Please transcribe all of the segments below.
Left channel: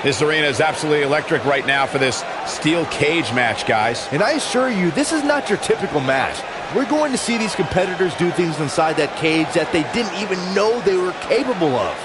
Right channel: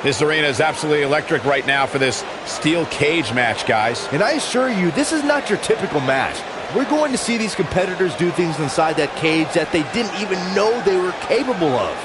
This arena is absolutely electric right now for this steel cage match, guys. And I assure you, this is not your typical match. We're going to see these competitors do things inside that cage that they didn't even know they were capable of.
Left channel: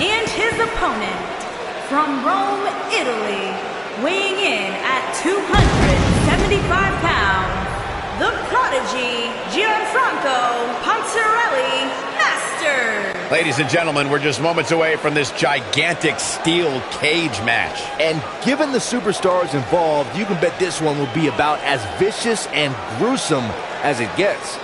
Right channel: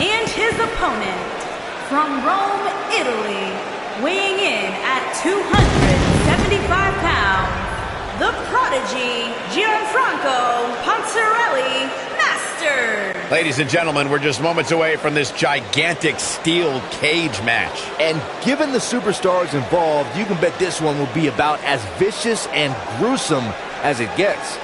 And his opponent, from Rome, Italy, weighing in at 275 pounds, the prodigy, Gianfranco Ponzarelli Masters. Ladies and gentlemen, we're just moments away from this gigantic steel cage match. And given the superstars involved, you can bet this one will be about as vicious and gruesome as it gets.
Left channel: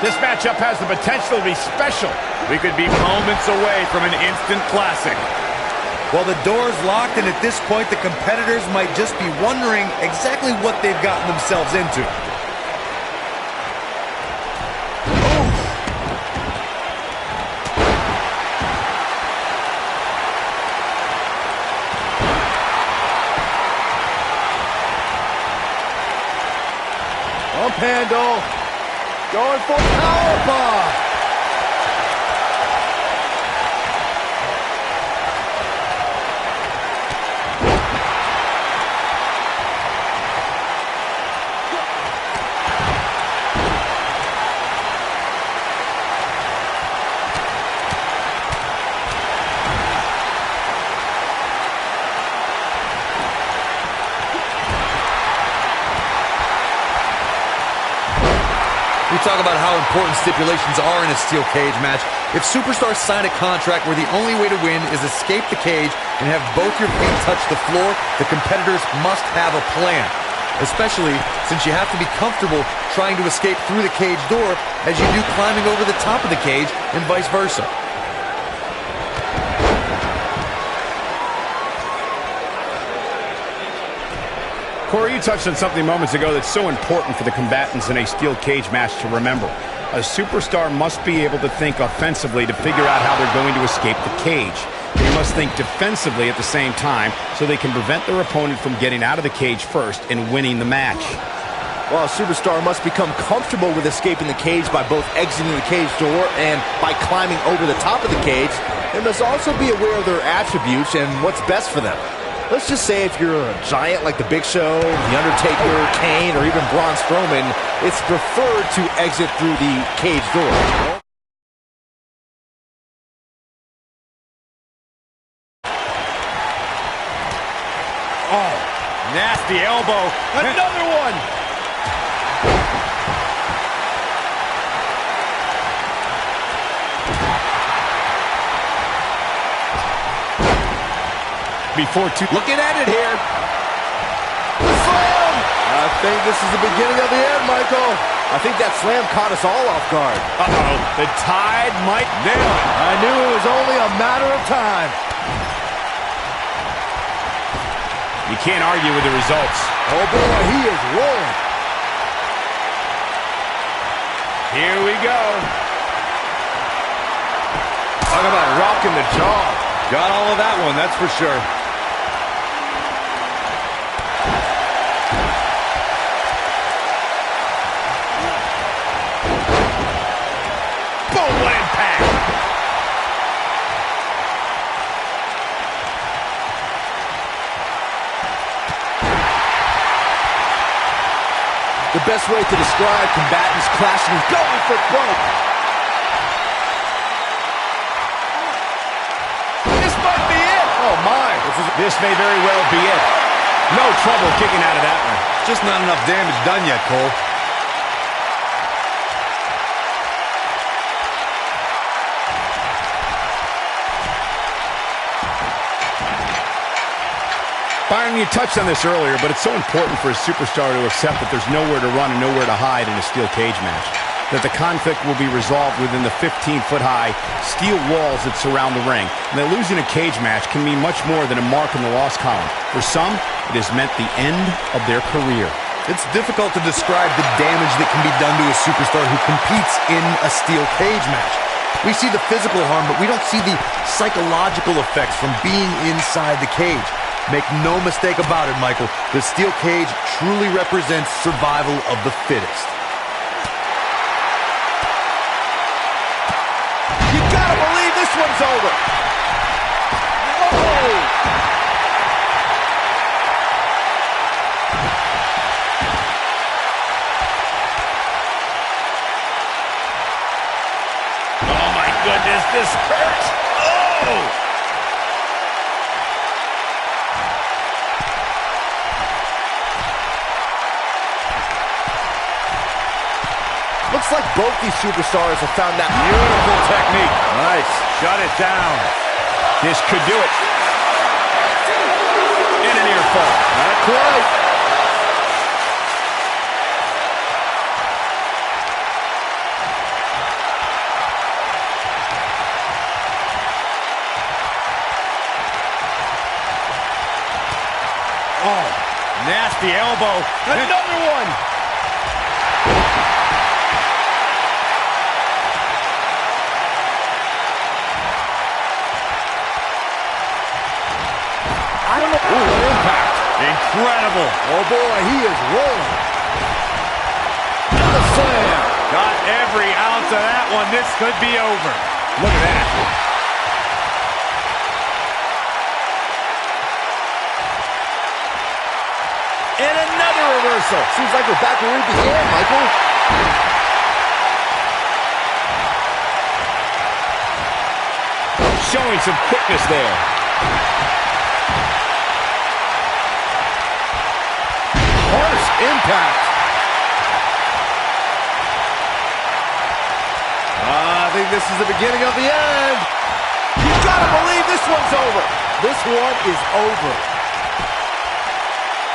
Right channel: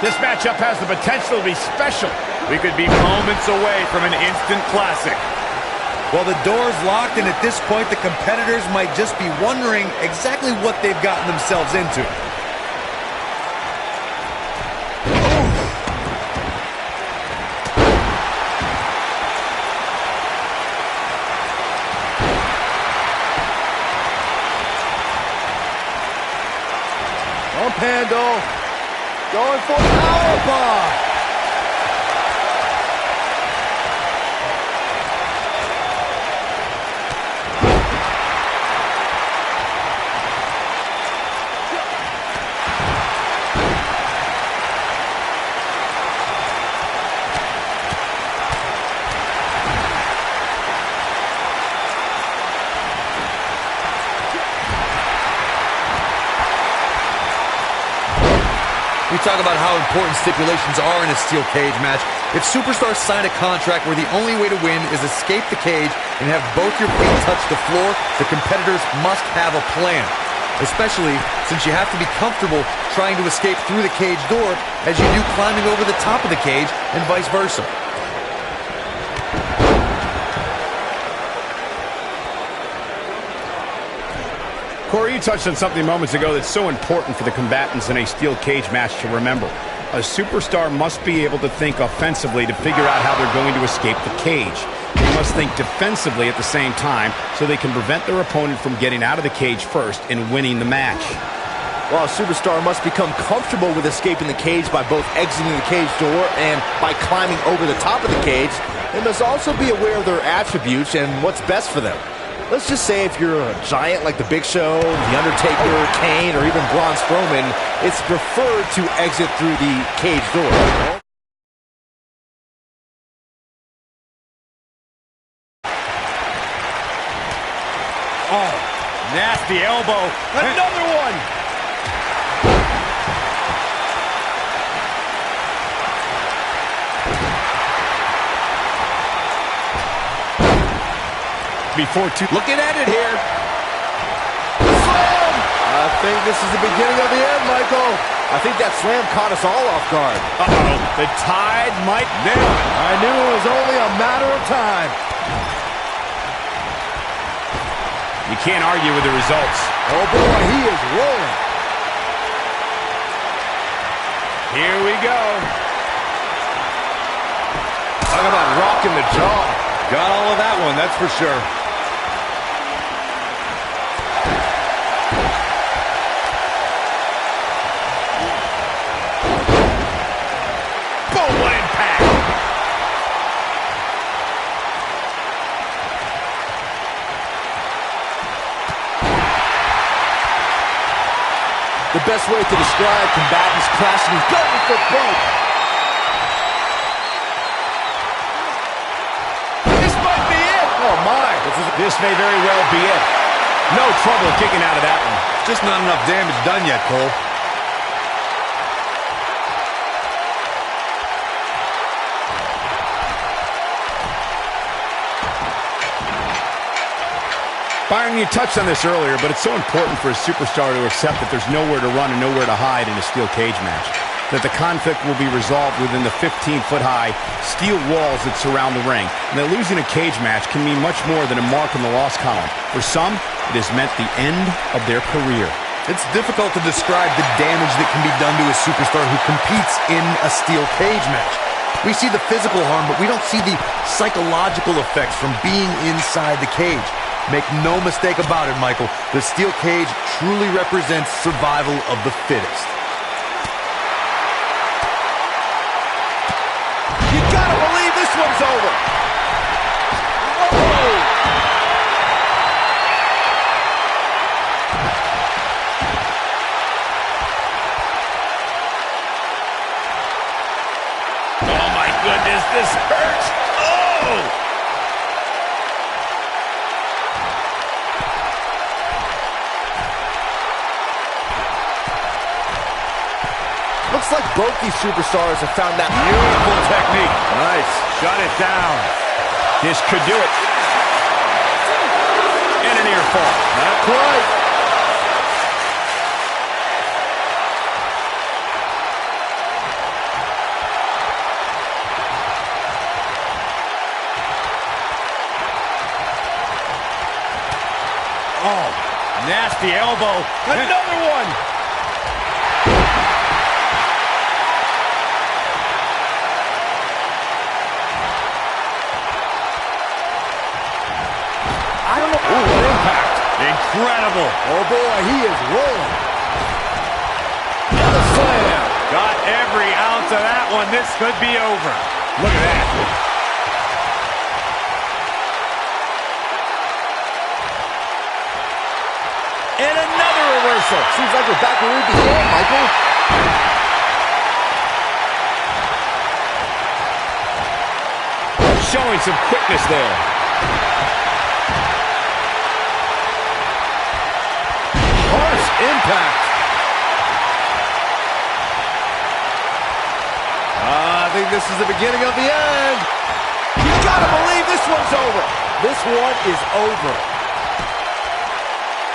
This matchup has the potential to be special. We could be moments away from an instant classic. Well, the door's locked, and at this point, the competitors might just be wondering exactly what they've gotten themselves into. Pump handle. Going for powerbomb. We talk about how important stipulations are in a steel cage match. If superstars sign a contract where the only way to win is escape the cage and have both your feet touch the floor, the competitors must have a plan. Especially since you have to be comfortable trying to escape through the cage door as you do climbing over the top of the cage and vice versa. Corey, you touched on something moments ago that's so important for the combatants in a steel cage match to remember. A superstar must be able to think offensively to figure out how they're going to escape the cage. They must think defensively at the same time so they can prevent their opponent from getting out of the cage first and winning the match. Well, a superstar must become comfortable with escaping the cage by both exiting the cage door and by climbing over the top of the cage. They must also be aware of their attributes and what's best for them. Let's just say if you're a giant like The Big Show, The Undertaker, Kane, or even Braun Strowman, it's preferred to exit through the cage door. Oh, nasty elbow. Another one. Looking at it here. Slam! I think this is the beginning of the end, Michael. I think that slam caught us all off guard. Uh-oh, the Tide might nail it. I knew it was only a matter of time. You can't argue with the results. Oh boy, he is rolling. Here we go. Talk about rocking the jaw. Got all of that one, that's for sure. Boom, what impact. The best way to describe combatants clashing is going for broke. This might be it. Oh, my. This may very well be it. No trouble kicking out of that one. Just not enough damage done yet, Cole. Byron, you touched on this earlier, but it's so important for a superstar to accept that there's nowhere to run and nowhere to hide in a steel cage match. That the conflict will be resolved within the 15-foot-high steel walls that surround the ring. And that losing a cage match can mean much more than a mark in the loss column. For some, it has meant the end of their career. It's difficult to describe the damage that can be done to a superstar who competes in a steel cage match. We see the physical harm, but we don't see the psychological effects from being inside the cage. Make no mistake about it, Michael. The steel cage truly represents survival of the fittest. You gotta believe this one's over. Whoa! Oh, my goodness, this hurts. Oh! Looks like both these superstars have found that Beautiful technique. Nice. Shut it down. This could do it. And a near fall. Not quite. Oh, nasty elbow. Another one. I don't know. Ooh, what impact. Incredible. Oh, boy, he is rolling. And the slam. Got every ounce of that one. This could be over. Look at that. And another reversal. Seems like we're back where we began, Michael. Showing some quickness there. Harsh impact. I think this is the beginning of the end. You gotta believe this one's over. This one is over.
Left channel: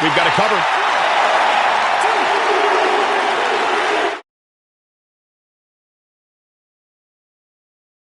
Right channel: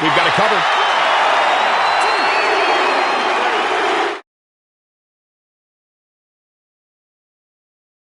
We've got it covered.